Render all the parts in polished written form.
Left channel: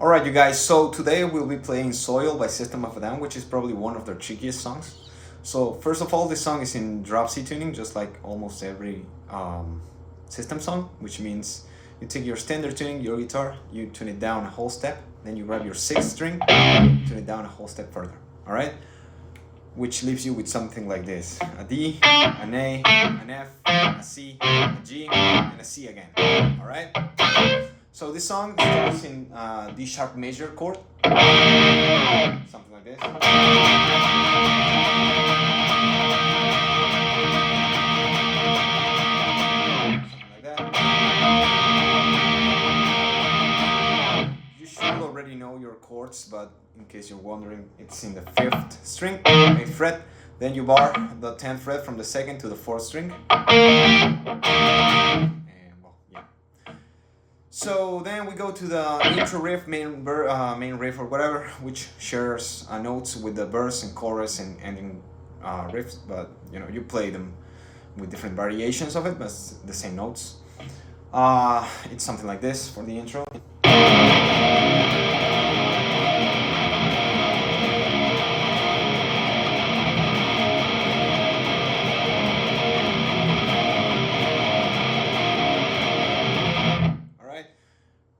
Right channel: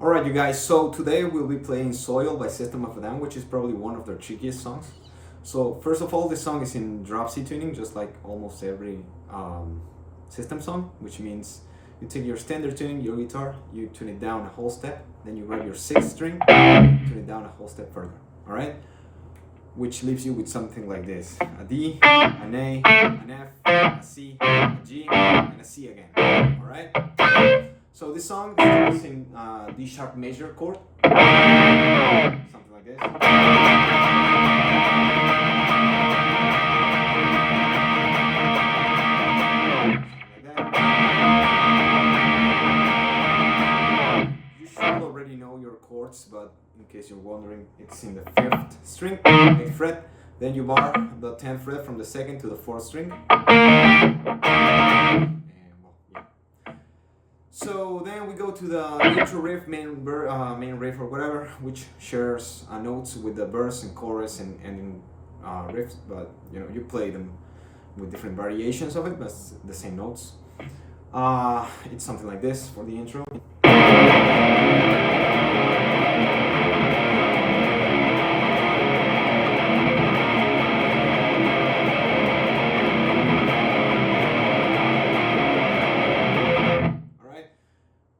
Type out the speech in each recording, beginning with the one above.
Alright, you guys, so today we'll be playing Soil by System of a Down, which is probably one of their trickiest songs. So, first of all, this song is in drop C tuning, just like almost every system song, which means you take your standard tuning, your guitar, you tune it down a whole step, then you grab your sixth string, tune it down a whole step further. Alright? Which leaves you with something like this: a D, an A, an F, a C, a G, and a C again. Alright? So this song starts in D sharp major chord, something like this. Something like that. You should already know your chords, but in case you're wondering, it's in the 5th string, 8th fret. Then you bar the 10th fret from the 2nd to the 4th string. So then we go to the intro riff, main riff or whatever, which shares notes with the verse and chorus and ending riffs, but you play them with different variations of it, but it's the same notes. It's something like this for the intro.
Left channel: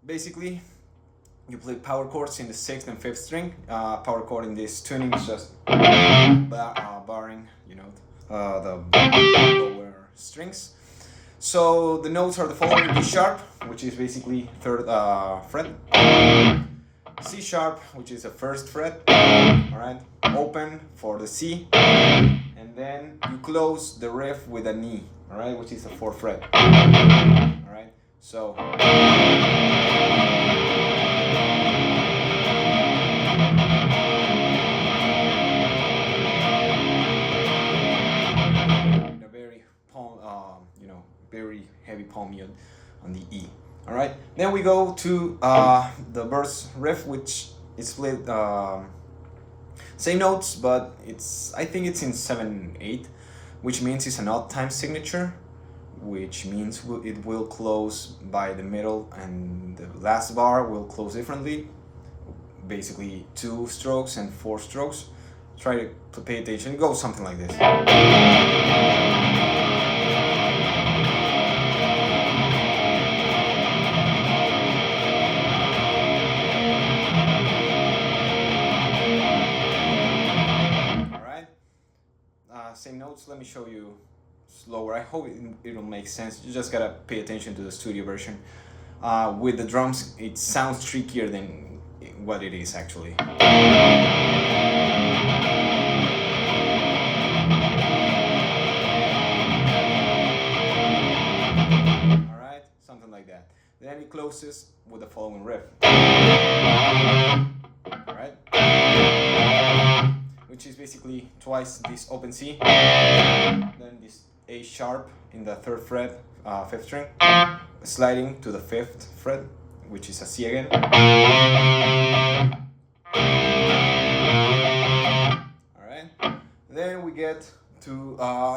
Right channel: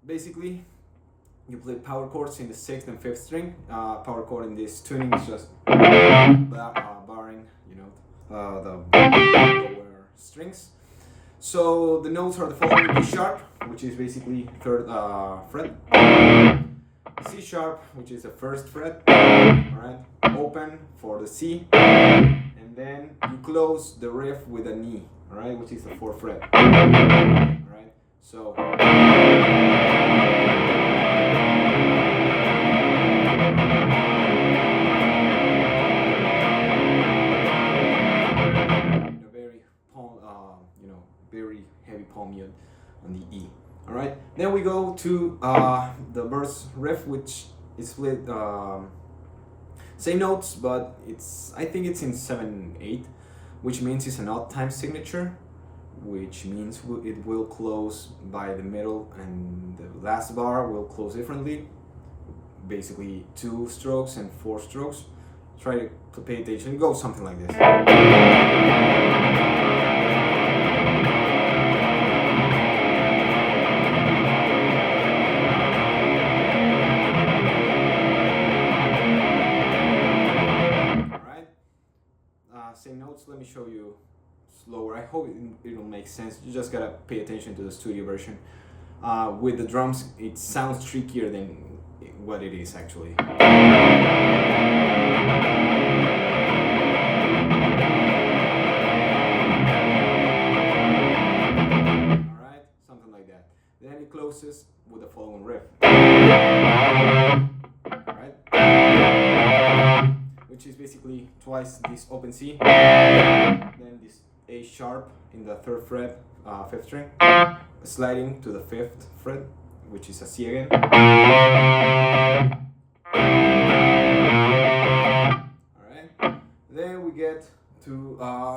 Basically, you play power chords in the 6th and 5th string. Power chord in this tuning is just barring, the lower strings. So the notes are the following: D sharp, which is basically 3rd fret. C sharp, which is the 1st fret. All right, open for the C, and then you close the riff with an E. All right, which is the 4th fret. All right, so. Very heavy palm mute on the E. All right. Then we go to the verse riff, which is split same notes, but I think it's in 7/8, which means it's an odd time signature, which means it will close by the middle, and the last bar will close differently. Basically 2 strokes and 4 strokes. Try to pay attention. It goes something like this. Same notes. Let me show you slower. I hope it'll make sense. You just gotta pay attention to the studio version. With the drums, it sounds trickier than what it is actually. Alright, something like that. Then it closes with the following riff. Alright? Which is basically twice this open C, then this A sharp in the 3rd fret, 5th string, sliding to the 5th fret, which is a C again. Alright, then we get to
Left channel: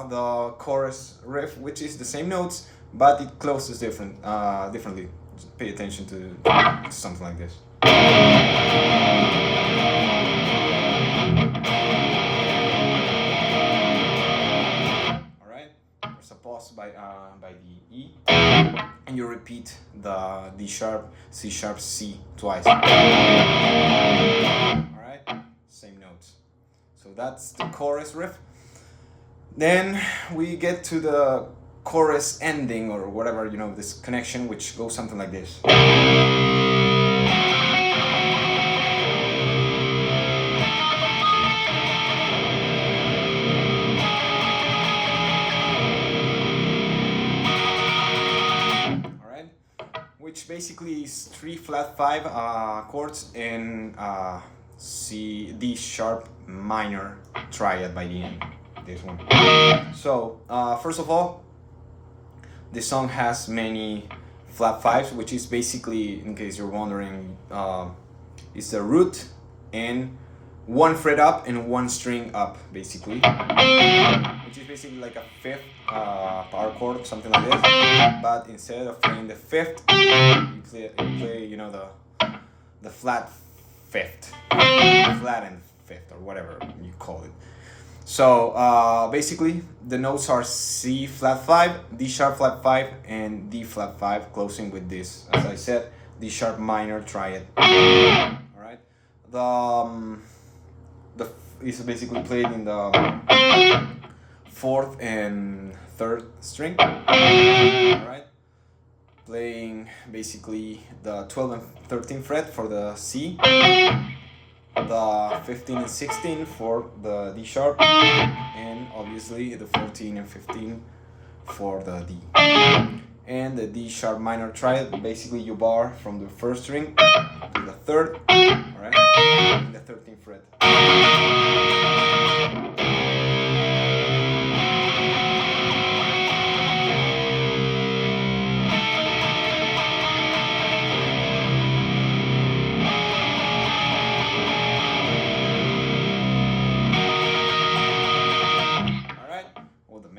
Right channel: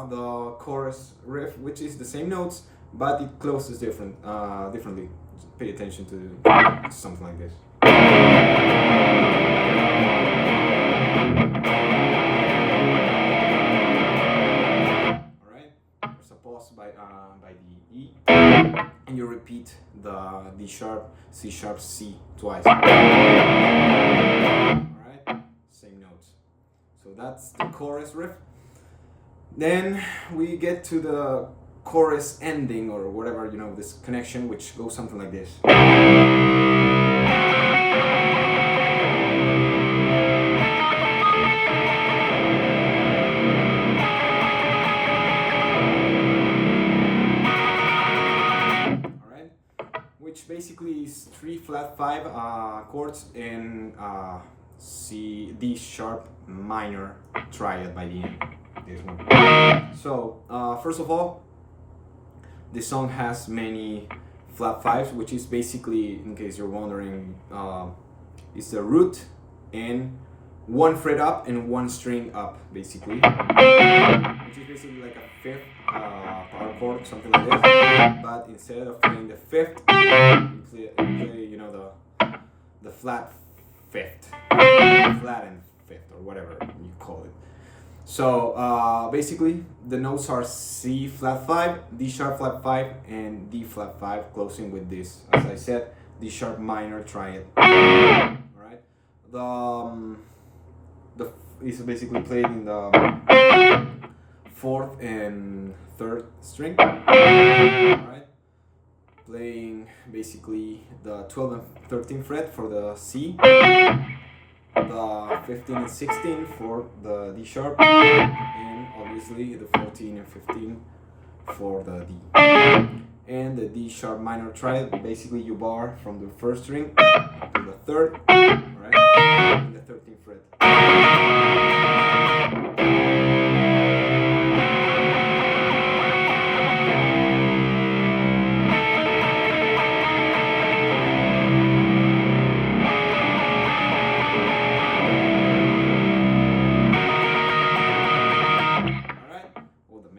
the chorus riff, which is the same notes, but it closes differently. Just pay attention to something like this. By the E, and you repeat the D sharp, C sharp, C twice. Alright, same notes. So that's the chorus riff. Then we get to the chorus ending, or whatever, this connection, which goes something like this. Which basically is 3 flat 5 chords in D sharp minor triad by the end. This one. So first of all, this song has many flat 5s, which is basically, in case you're wondering, it's the root and 1 fret up and 1 string up, basically, which is basically like a 5th power chord, something like this. But instead of playing the 5th, you play the flat fifth, flattened fifth, or whatever you call it. So basically, the notes are C flat 5, D sharp flat 5, and D flat 5, closing with this, as I said, D sharp minor triad. All right, the is basically played in the fourth and third string. All right, playing basically the 12th and 13th fret for the C, the 15 and 16 for the D sharp, and obviously the 14 and 15 for the D. And the D sharp minor triad, basically you bar from the first string to the third, alright, and the 13th fret.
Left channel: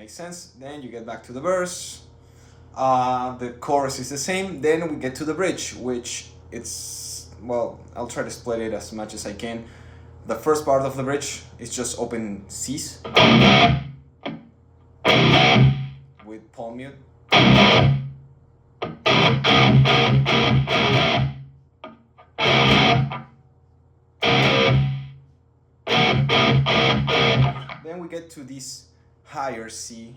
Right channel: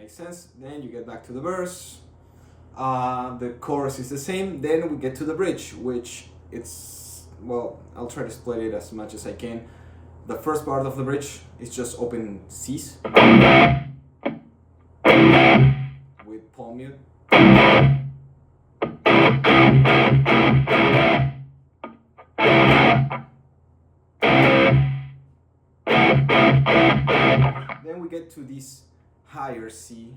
Sense. Then you get back to the verse. The chorus is the same. Then we get to the bridge, which it's, well, I'll try to split it as much as I can. The first part of the bridge is just open C's with palm mute. Then we get to this higher C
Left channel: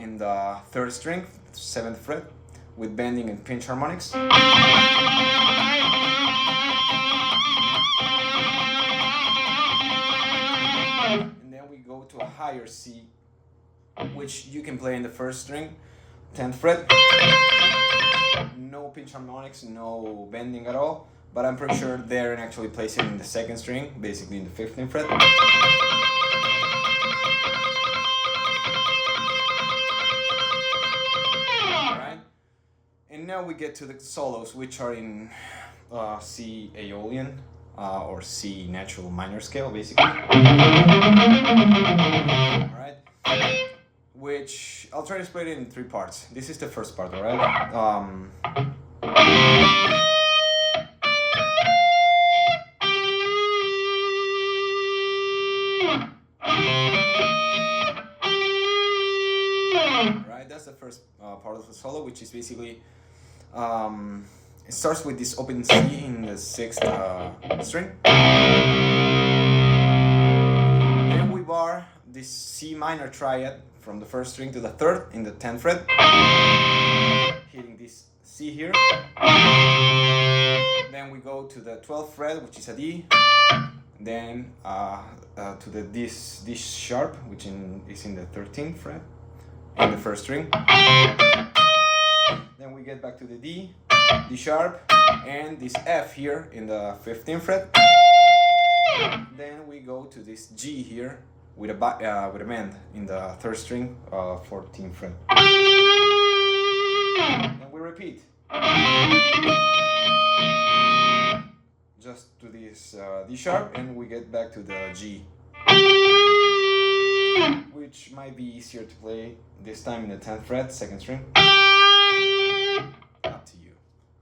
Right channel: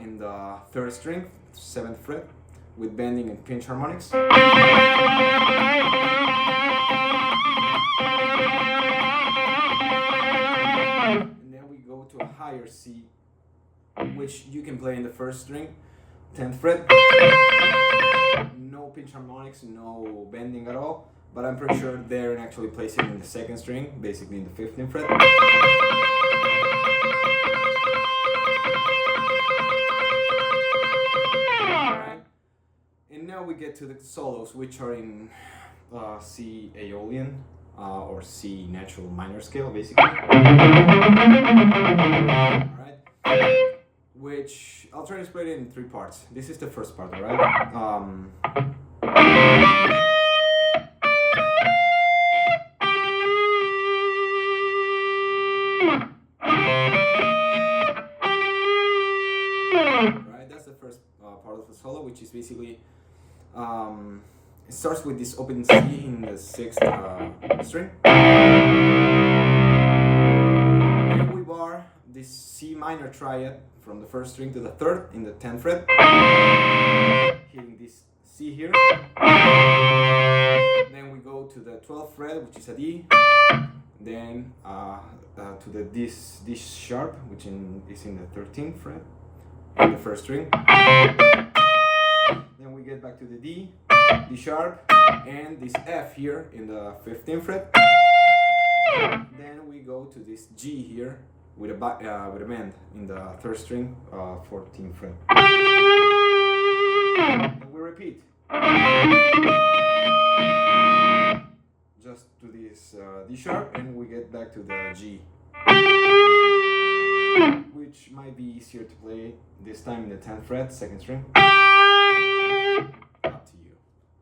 in the third string, 7th fret, with bending and pinch harmonics. And then we go to a higher C, which you can play in the first string, 10th fret. No pinch harmonics, no bending at all, but I'm pretty sure Darren actually plays it in the second string, basically in the 15th fret. And now we get to the solos, which are in C Aeolian or C natural minor scale, basically. Alright, which I'll try to split it in 3 parts. This is the first part, alright? Right, that's the first part of the solo, which is basically it starts with this open C in the 6th string. Then we bar this C minor triad from the first string to the 3rd in the 10th fret, hitting this C here. Then we go to the 12th fret, which is a D. Then to the this sharp, which is in the 13th fret in the first string. Then we get back to the D sharp, and this F here in the 15th fret. Then we go to this G here with a bend in the 3rd string, 14th fret. And we repeat. Just to this D sharp, and we get back to the G, which might be easier to play this time in the 10th fret, 2nd string. Up to you.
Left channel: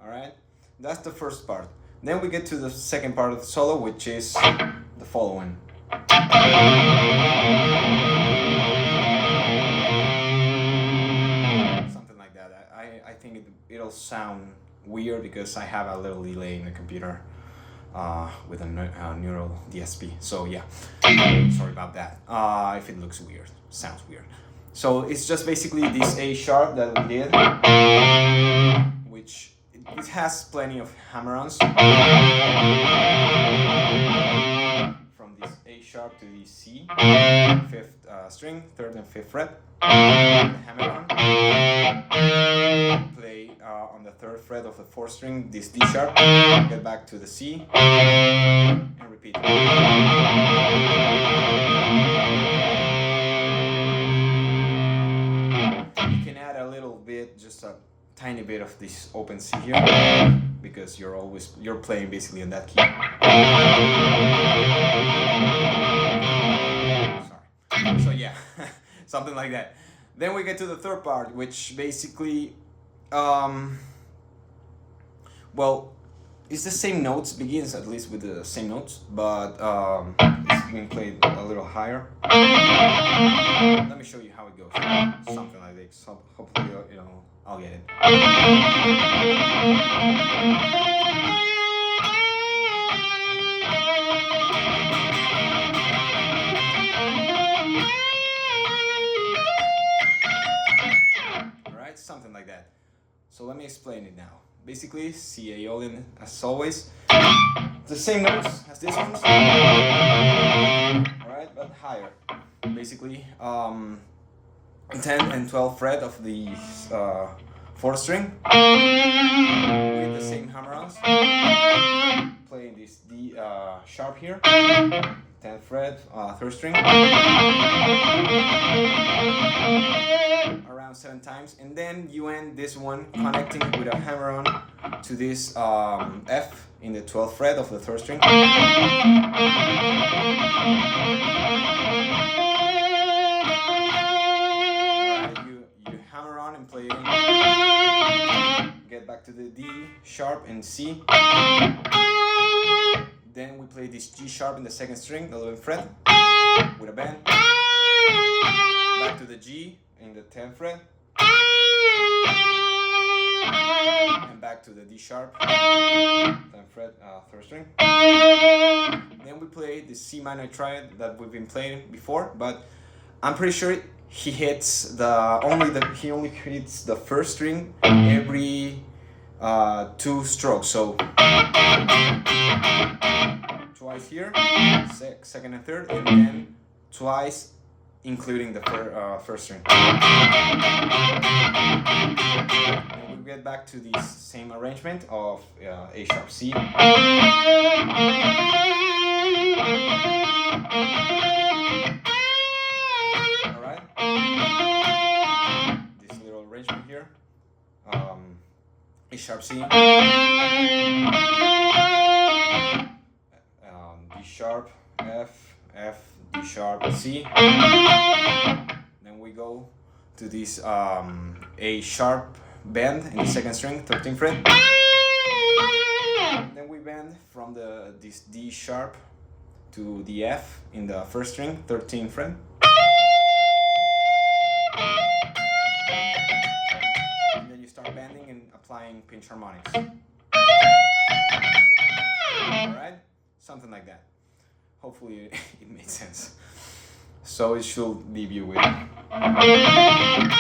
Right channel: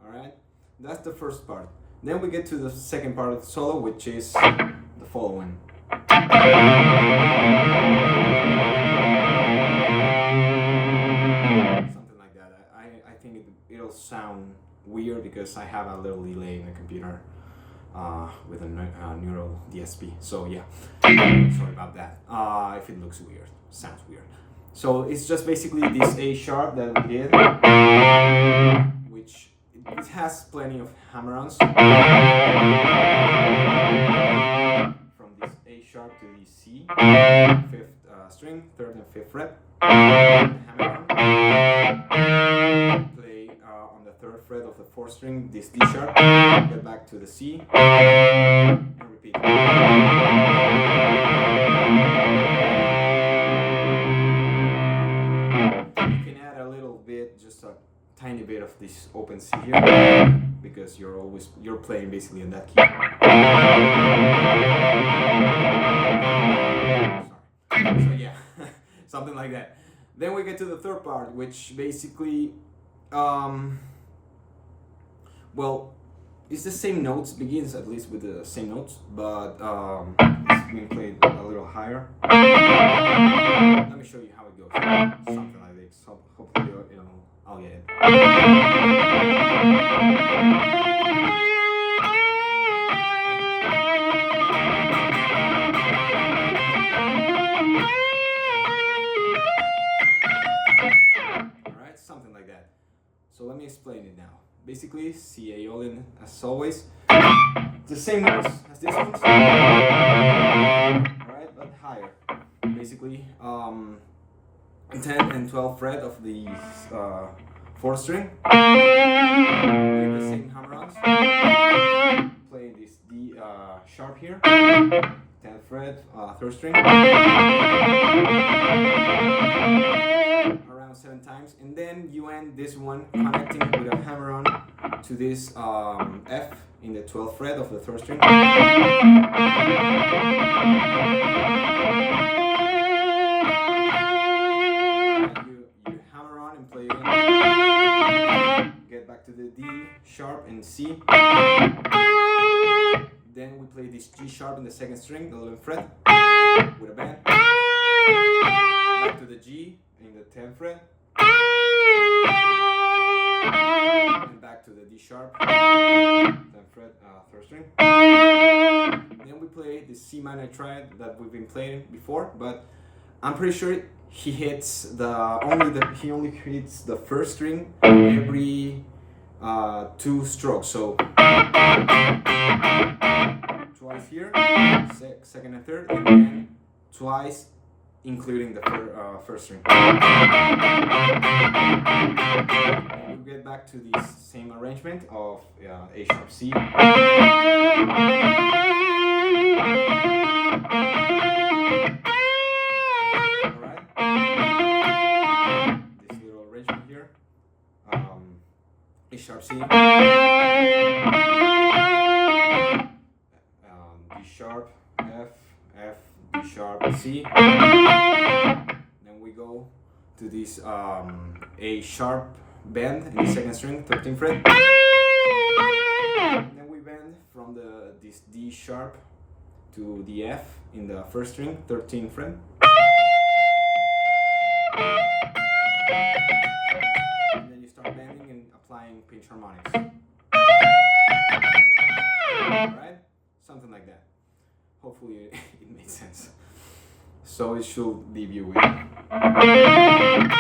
Alright? That's the first part. Then we get to the second part of the solo, which is the following. Something like that. I think it'll sound weird because I have a little delay in the computer with a neural DSP. So yeah, sorry about that. If it looks weird, sounds weird. So it's just basically this A sharp that we did, which it has plenty of hammer-ons. From this A sharp to the C, 5th string, 3rd and 5th fret, hammer-on. Play on the 3rd fret of the 4th string, this D sharp, get back to the C, and repeat. You can add a little bit, just a tiny bit of this open C here, because you're playing basically in that key. Sorry. So yeah, something like that. Then we get to the third part, which basically, well, it's the same notes, begins at least with the same notes, but it's being played a little higher. Let me show you how it goes. Something like this. Hopefully, I'll get it. Alright, something like that. So let me explain it now. Basically, C Aeolian as always. The same notes as this one. Alright, but higher. Basically, 10 and 12 fret of the 4th string with the same hammer-ons. Playing this D sharp here, 10th fret, 3rd string, around 7 times, and then you end this one connecting with a hammer-on to this F in the 12th fret of the 3rd string. Play get back to the D sharp and C. Then we play this G sharp in the 2nd string, the 11th fret, with a bend. Back to the G in the 10th fret, and back to the D sharp, 10th fret, 3rd string. Then we play the C minor triad that we've been playing before, but I'm pretty sure he hits he only hits the 1st string every 2 strokes. So twice here, 2nd and 3rd, and then twice including the 1st string. And we get back to this same arrangement of A sharp C. A sharp C, D sharp, F, D sharp, C. Then we go to this A sharp bend in the 2nd string, 13th fret. And then we bend from this D sharp to the F in the 1st string, 13th fret. Bending and applying pinch harmonics. Alright? Something like that. Hopefully it made sense. So it should leave you with. Alright?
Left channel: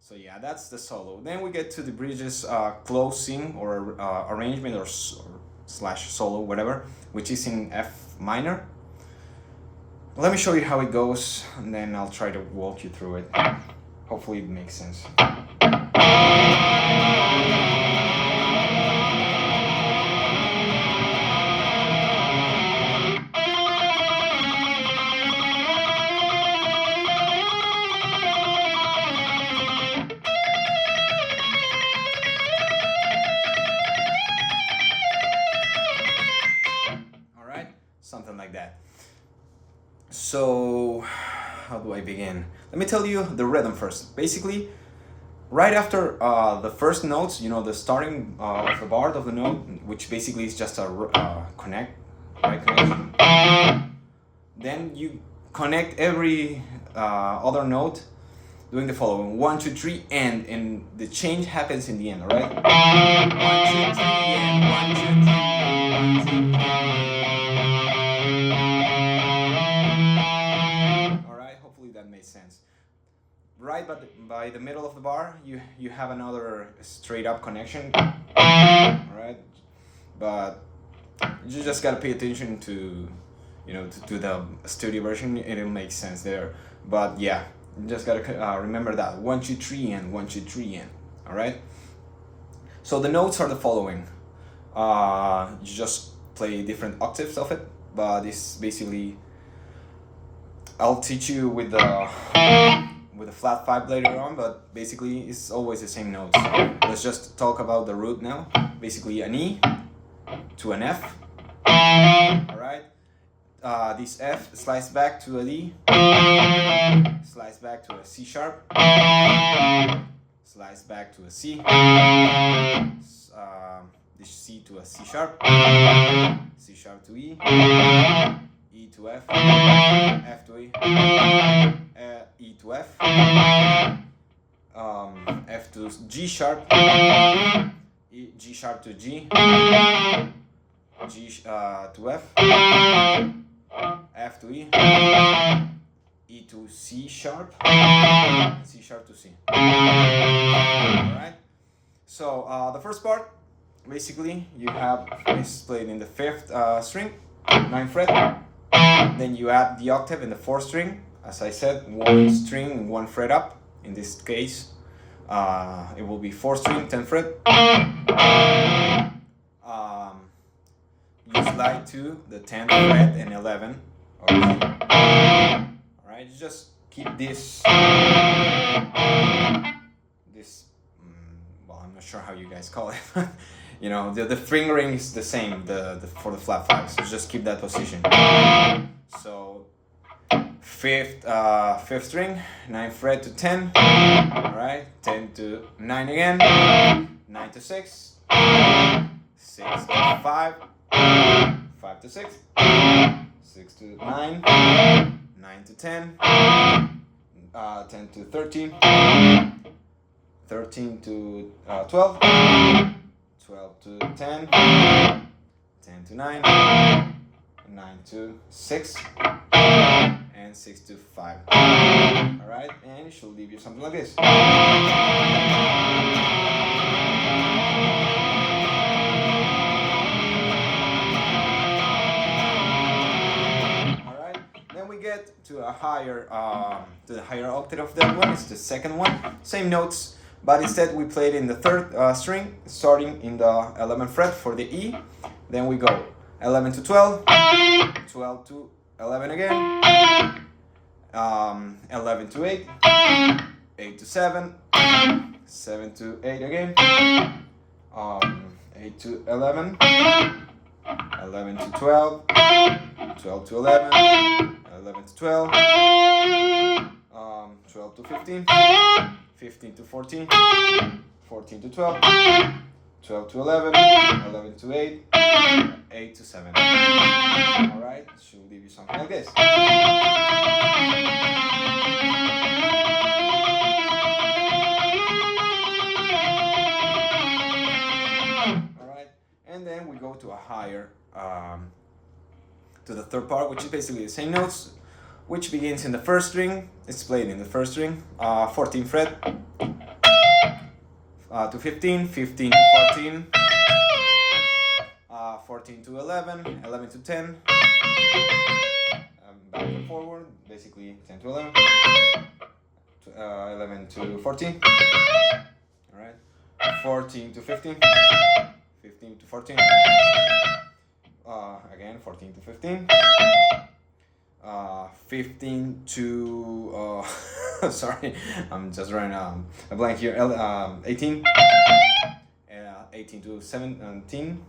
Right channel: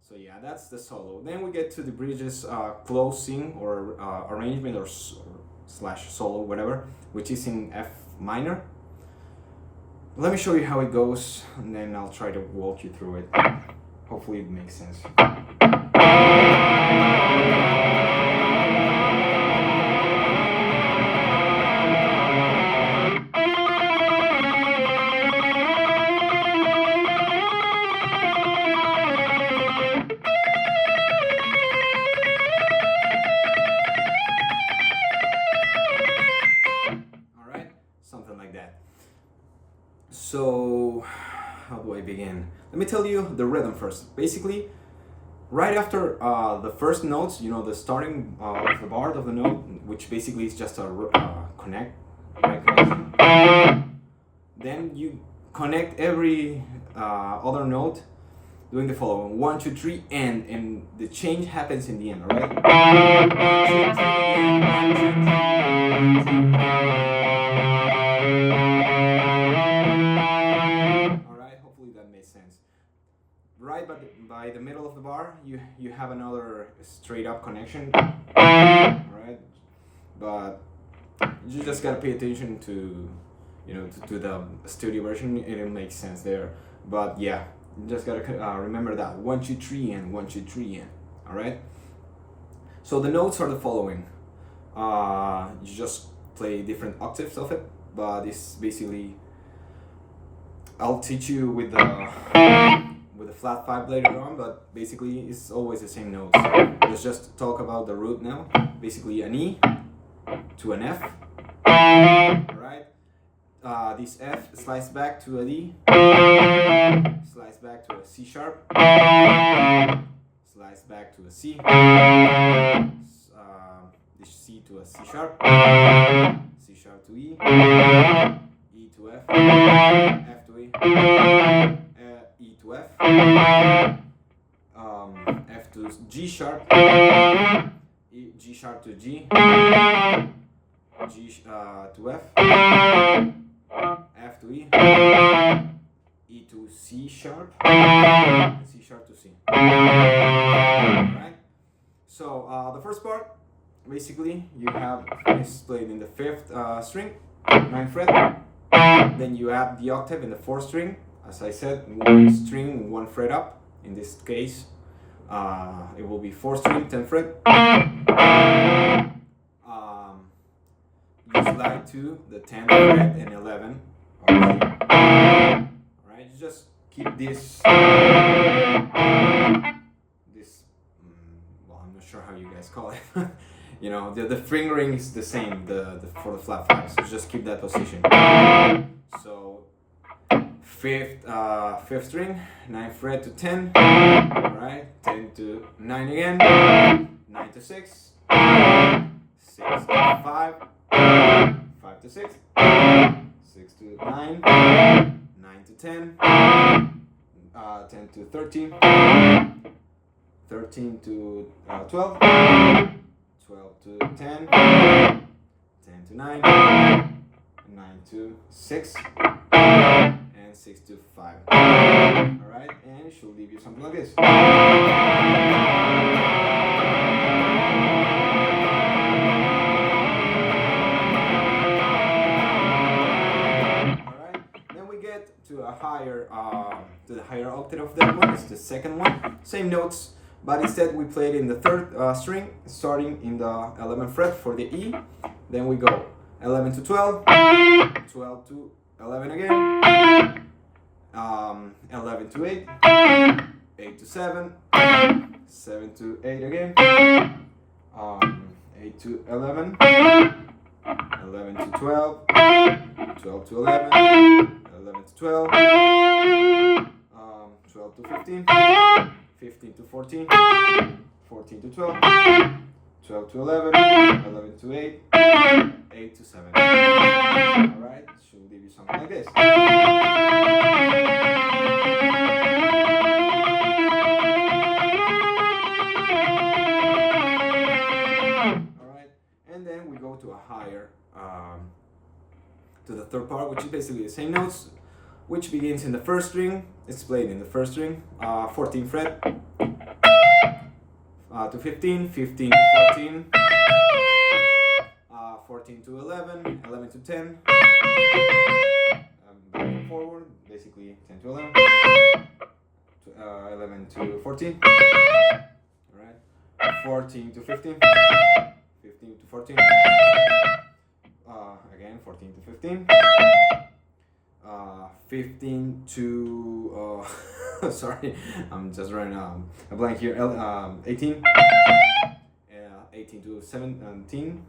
So yeah, that's the solo. Then we get to the bridges closing or arrangement or slash solo, whatever, which is in F minor. Let me show you how it goes, and then I'll try to walk you through it. Hopefully it makes sense. Alright, something like that. So, how do I begin? Let me tell you the rhythm first. Basically, right after the first notes, the starting of the bar of the note, which basically is just a right connection. Then you connect every other note doing the following: 1, 2, 3, and the change happens in the end. All right? 1, 2, 3, and 1, 2, 3, 1, 2, 3. Right, but by the middle of the bar, you have another straight up connection. Alright, but you just gotta pay attention to the studio version. It'll make sense there. But yeah, you just gotta remember that 1, 2, 3, and 1, 2, 3, and. Alright. So the notes are the following. You just play different octaves of it, but it's basically. I'll teach you with the flat 5 later on, but basically it's always the same notes. Let's just talk about the root now. Basically an E to an F, alright, this F slides back to a D, slides back to a C sharp, slides back to a C, this C to a C sharp, C sharp to E, E to F, F to E, E to F, F to G sharp, E, G sharp to G, G to F, F to E, E to C sharp, C sharp to C. Alright, so the first part, basically you have is played in the 5th string, 9th fret, then you add the octave in the 4th string, as I said, 1 string, 1 fret up. In this case, it will be 4th string, 10th fret. You slide to the 10th fret and 11. Alright, you just keep this, well, I'm not sure how you guys call it. You know, the fingering is the same for the flat 5, so just keep that position. So 5th string, 9th fret to 10, alright, 10 to 9 again, 9 to 6, 6 to 5, 5 to 6, 6 to 9, 9 to 10, 10 to 13, 13 to 12, 12 to 10, 10 to 9, 9 to 6, and 6 to 5. Alright, and it should leave you something like this. Alright, then we get to a higher, to the higher octave of that one. It's the 2nd one. Same notes, but instead we played in the 3rd string, starting in the 11th fret for the E. Then we go 11 to 12, 12 to 11 again, 11 to 8, 8 to 7, 7 to 8 again, 8 to 11, 11 to 12, 12 to 11, 11 to 12, 12 to 15, 15 to 14, 14 to 12, 12 to 11, 11 to 8, 8 to 7. Alright, should leave you something like this. Alright, and then we go to a higher, to the 3rd part, which is basically the same notes, which begins in the 1st string. It's played in the 1st string, 14th fret, to 15, 15 to 14, 14 to 11, 11 to 10, back and forward, basically 10 to 11, 11 to 14, alright, 14 to 15, 15 to 14, again 14 to 15, 15 to, sorry, I'm just running a blank here, 18, 18 to 17,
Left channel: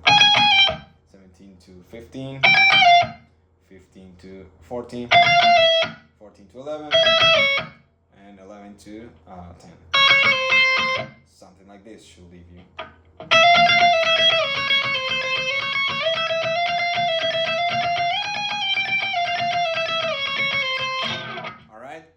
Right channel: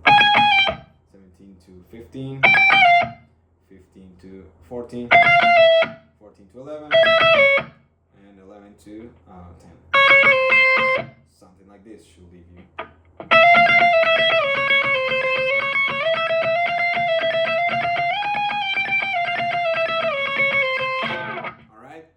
17 to 15, 15 to 14, 14 to 11, and 11 to 10. Something like this should leave you. Alright,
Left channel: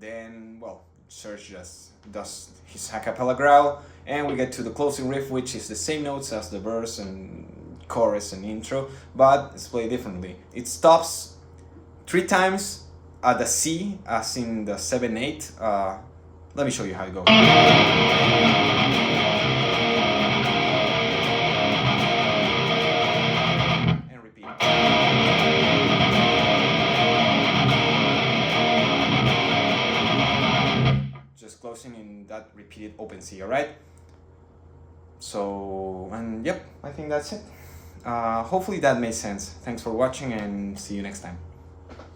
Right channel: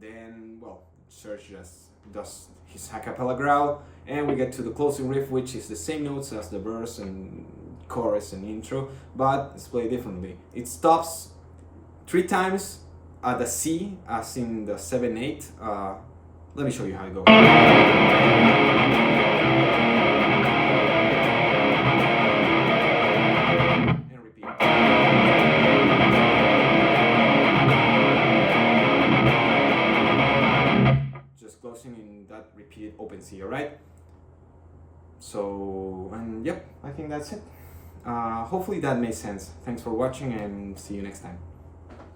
then, well, Serge just does his a cappella growl, and we get to the closing riff, which is the same notes as the verse and chorus and intro, but it's played differently. It stops 3 times at the C, as in the 7/8. Let me show you how it goes. And repeat. Just closing in that repeated open C, alright? So, and yep, I think that's it. Hopefully that made sense. Thanks for watching and see you next time.